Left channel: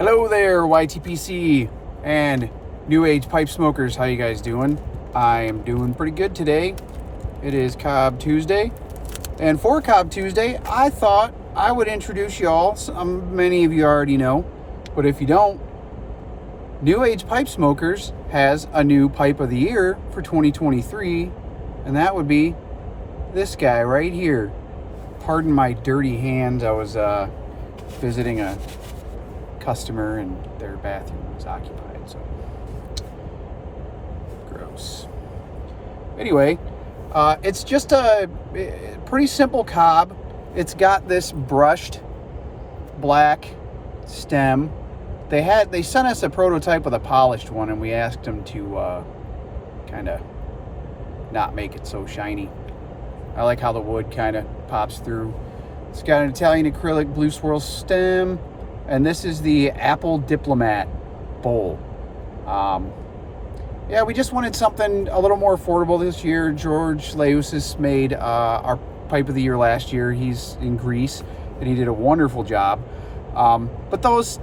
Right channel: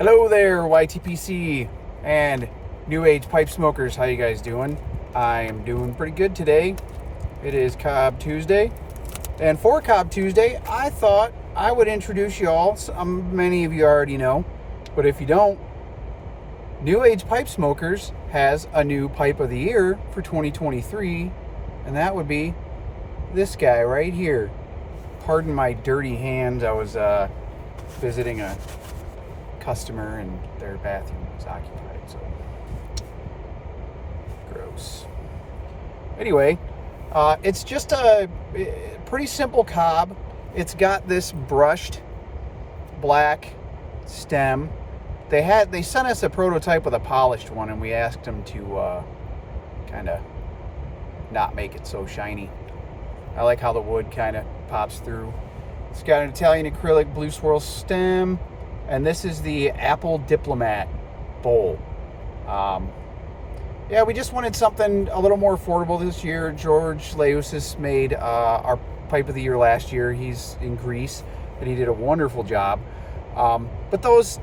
Hello there, YTPC and New Age Pipe Smokers. How you guys doing? I am doing pretty good today. It is Cobb Tuesday. And for Cobb Tuesday, I thought I would introduce y'all. Many of you already know, but if you don't, New Age Pipe Smokers has a new Pipe of the Year for 2023, and that would be this guy right here. Pardon my dirty hands. I was visiting a customer and their bathroom was occupied, so gross. Anyway, it's just a pretty simple cob. It's got this brushed black stem. They sent us a prototype with a polished one, and we asked them to kind of not make it so shiny. I like how the wood kind of pops through. It's got an Italian acrylic blue swirl stem. And this is the Apple Diplomat bowl. Yeah, we just wanted something a little more affordable this year. George Laousis made our Pipe of the Year last year. He's in Greece, and he did a wonderful job. But those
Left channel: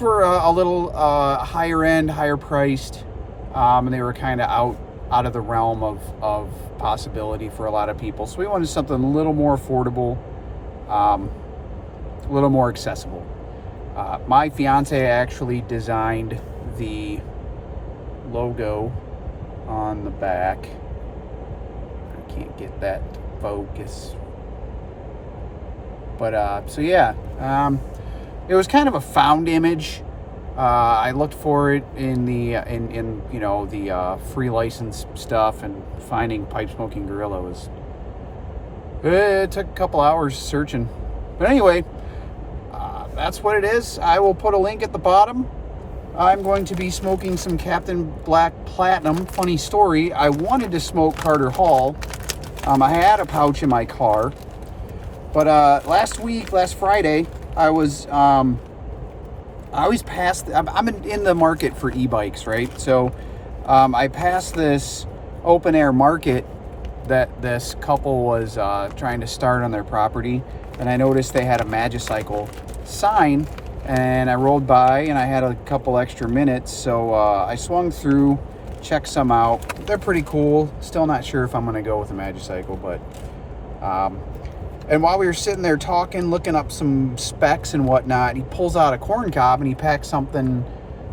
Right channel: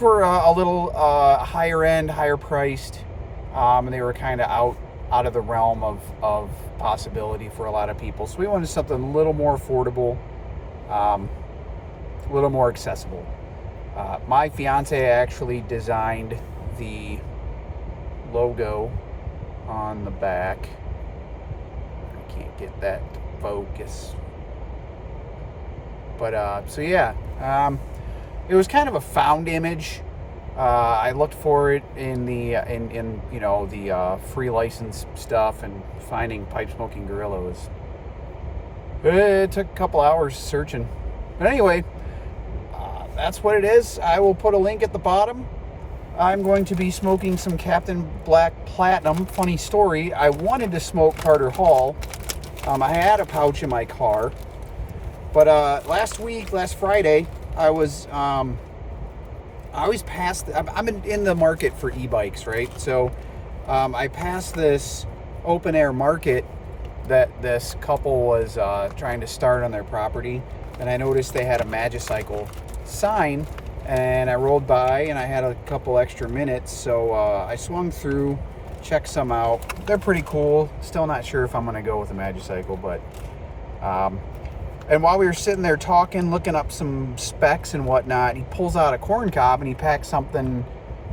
were a little higher end, higher priced, and they were kind of out of the realm of possibility for a lot of people. So we wanted something a little more affordable. A little more accessible. My fiance actually designed the logo on the back. I can't get that to focus. But so yeah, it was kind of a found image. I looked for it in the the free license stuff, and finding Pipe Smoking Gorilla it took a couple hours searching. But anyway, that's what it is. I will put a link at the bottom. I'm going to be smoking some Captain Black Platinum. Funny story, I wanted to smoke Carter Hall. I had a pouch in my car. But last Friday, I always pass. I'm in the market for e-bikes, right? So I passed this open air market that this couple was trying to start on their property. And I noticed they had a Magicycle sign, and I rolled by and I had a couple extra minutes, so I swung through, checked some out. They're pretty cool. Still not sure if I'm gonna go with a Magicycle, but and while we were sitting there talking, looking up some specs and whatnot, he pulls out a corn cob and he packs some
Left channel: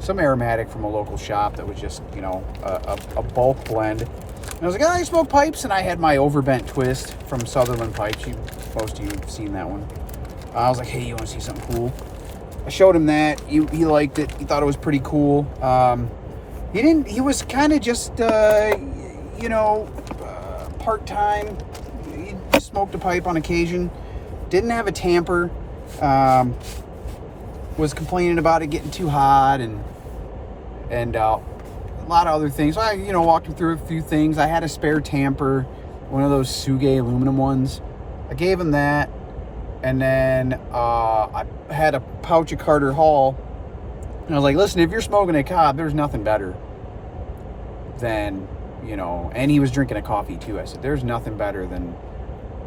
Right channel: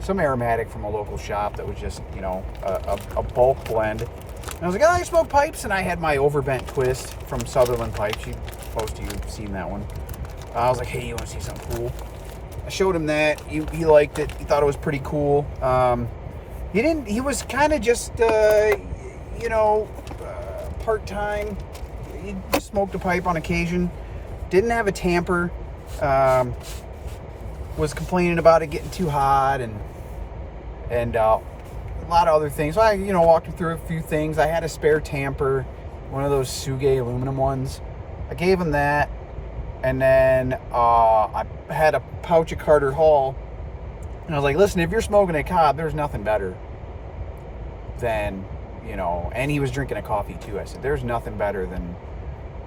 aromatic from a local shop that was just a bulk blend. And I was like, I smoke pipes, and I had my overbent twist from Sutherland Pipes. Most of you have seen that one. I was like, hey, you want to see something cool? I showed him that. He liked it. He thought it was pretty cool. He was kind of just, part-time. He smoked a pipe on occasion. Didn't have a tamper. Was complaining about it getting too hot and a lot of other things. So I, walked him through a few things. I had a spare tamper, one of those Suge aluminum ones. I gave him that. And then I had a pouch of Carter Hall, and I was like, listen, if you're smoking a cob, there's nothing better than, and he was drinking a coffee too. I said, there's nothing better than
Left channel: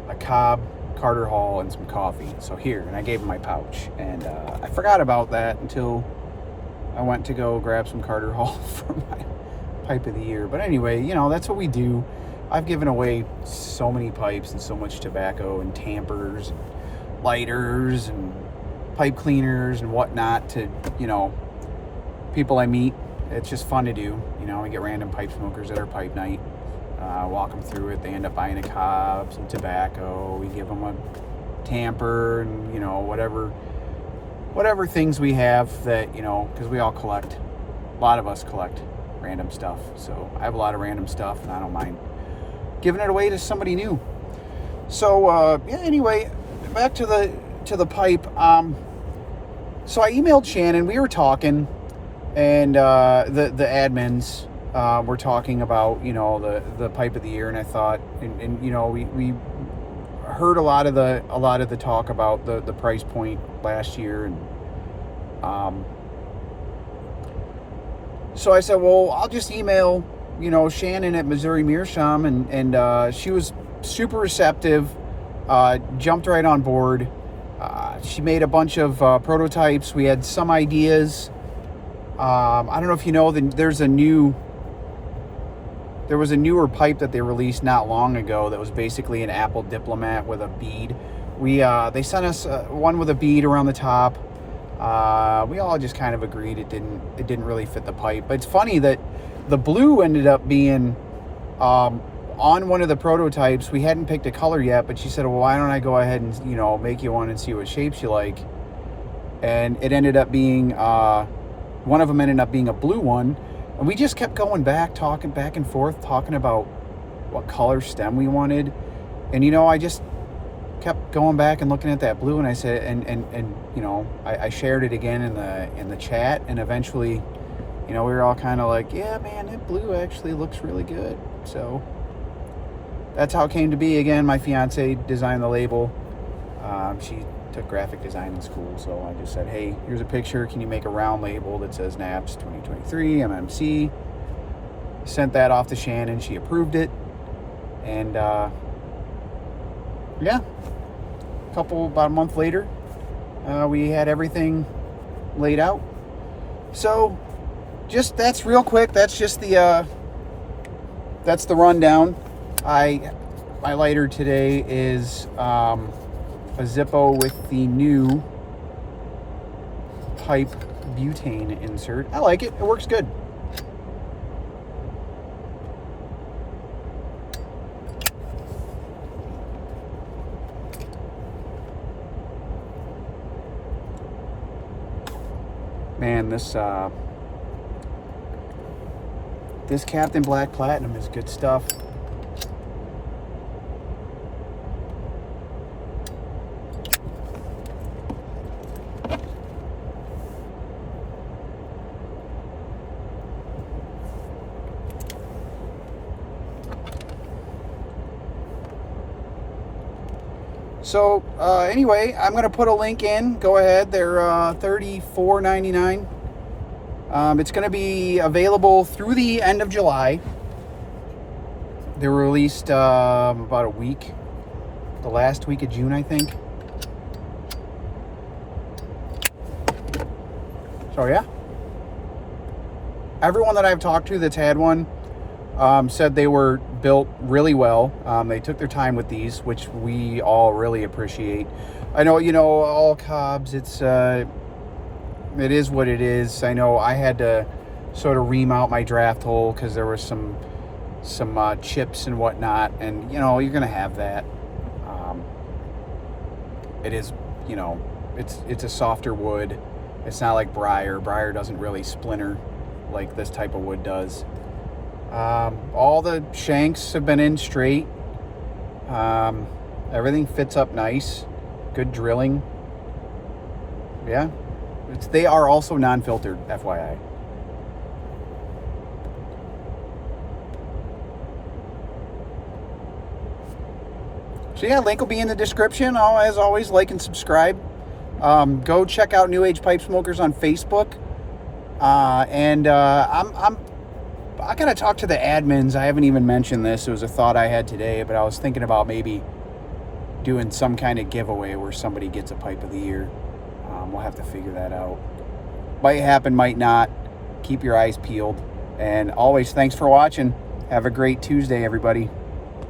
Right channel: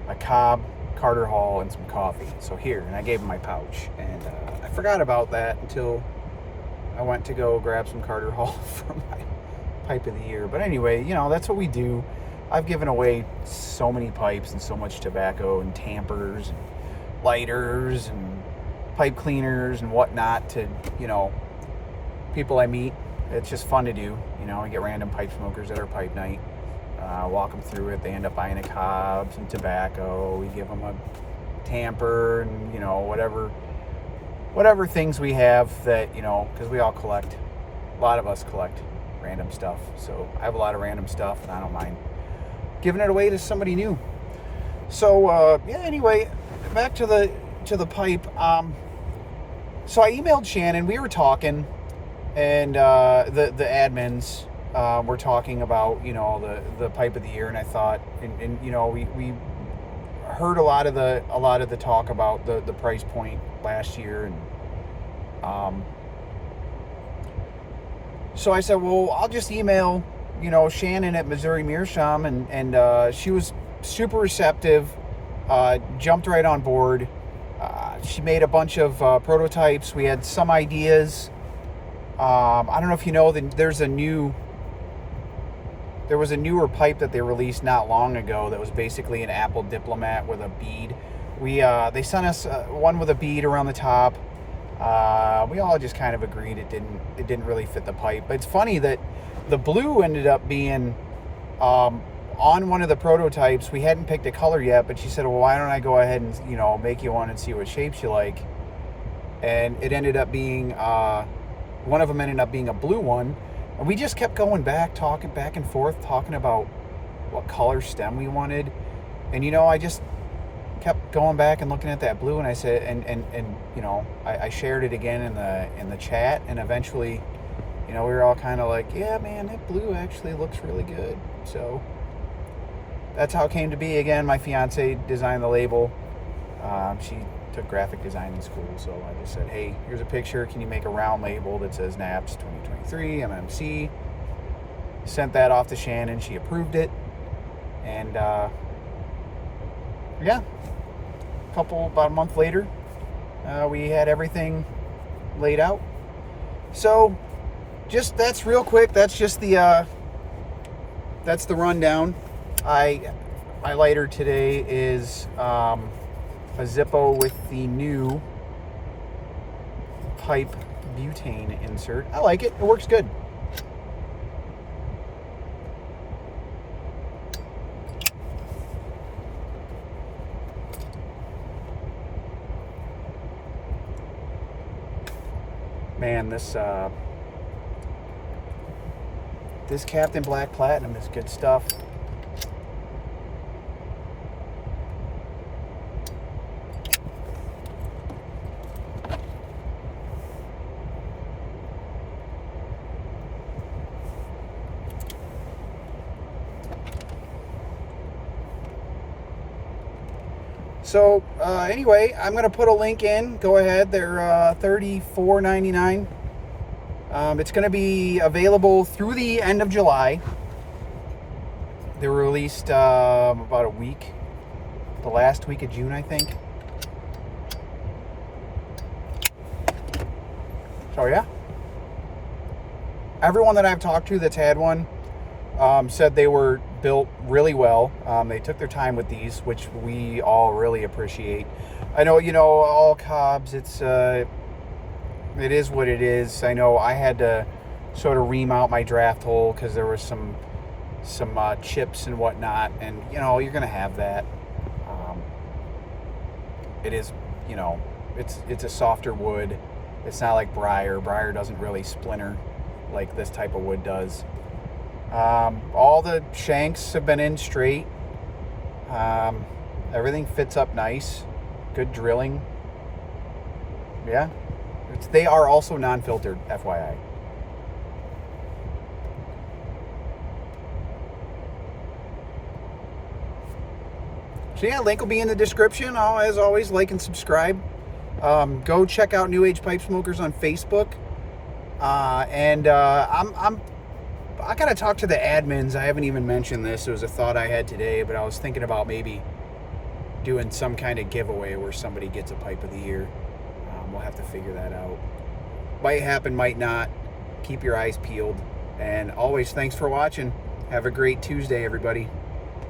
a cob, Carter Hall, and some coffee. So here, and I gave him my pouch. And I forgot about that until I went to go grab some Carter Hall for my Pipe of the Year. But anyway, that's what we do. I've given away so many pipes and so much tobacco and tampers and lighters and pipe cleaners and whatnot to people I meet. It's just fun to do. I get random pipe smokers at our pipe night, walk them through it. They end up buying a cob, some tobacco. We give them a tamper and whatever things we have that because we all collect. A lot of us collect random stuff, so I have a lot of random stuff, and I don't mind giving it away to somebody new. So anyway, back to the pipe. So I emailed Shannon. We were talking, and the admins were talking about the Pipe of the Year, and I thought, and we heard a lot of the talk about the price point last year, and so I said, well, I'll just email Shannon at Missouri Meerschaum, and she was super receptive. Jumped right on board. She made a bunch of prototypes. We had some ideas. I don't know if you know, there was a newer pipe that they released not long ago that was basically an Apple Diplomat with a bead. They sent us one with a bead around the top. We all just kind of agreed it didn't really fit the pipe. But it's funny that the blue ended up being on one of the prototypes. We hadn't picked a color yet, but she said, well, why don't I go ahead and, you know, make you one and see what shapes you like. And it ended up being, one of them ended up being a blue one. And we just kept going back, talking back and forth, talking about what color stem we wanted. And, you know, I just kept going back and looking at that blue, and I said, and you know, I shared it again in the chat, and eventually, you know, we were all kind of like, yeah, man, that blue actually looks really good. So that's how it came to be. Again, my fiance designed the label. She took graphic design in school, so I just said, hey, here's a picture. Can you make a round label that says N.A.P.S 2023 MMC? Sent that off to Shannon. She approved it, and yeah, about a month later, we had everything laid out. So just, that's real quick. That's just the rundown. My lighter today is a Zippo with the new pipe butane insert. I like it. It works good. Man, this Captain Black Platinum is good stuff. So anyway, I'm going to put a link in. Go ahead. They're $34.99. It's going to be available through the end of July. They were released about a week, the last week of June, I think. So yeah, everyone that I've talked to that's had one said they were built really well. They took their time with these, which we all really appreciate. I know, you know, all cobs, it is what it is. I know I had to sort of remount my draft hole because there was some chips and whatnot, and you know, you're gonna have that. It is, you know, it's a softer wood. It's not like briar. Briar doesn't really splinter like this type of wood does. All the shanks have been in straight. Everything fits up nice. Good drilling. Yeah. They are also non-filtered, FYI. So yeah, link will be in the description. As always, like and subscribe. Go check out New Age Pipe Smokers on Facebook. I gotta talk to the admins. I haven't even mentioned this. It was a thought I had today, but I was thinking about maybe doing some kind of giveaway where somebody gets a pipe of the year. We'll have to figure that out. Might happen, might not. Keep your eyes peeled. And always, thanks for watching. Have a great Tuesday, everybody.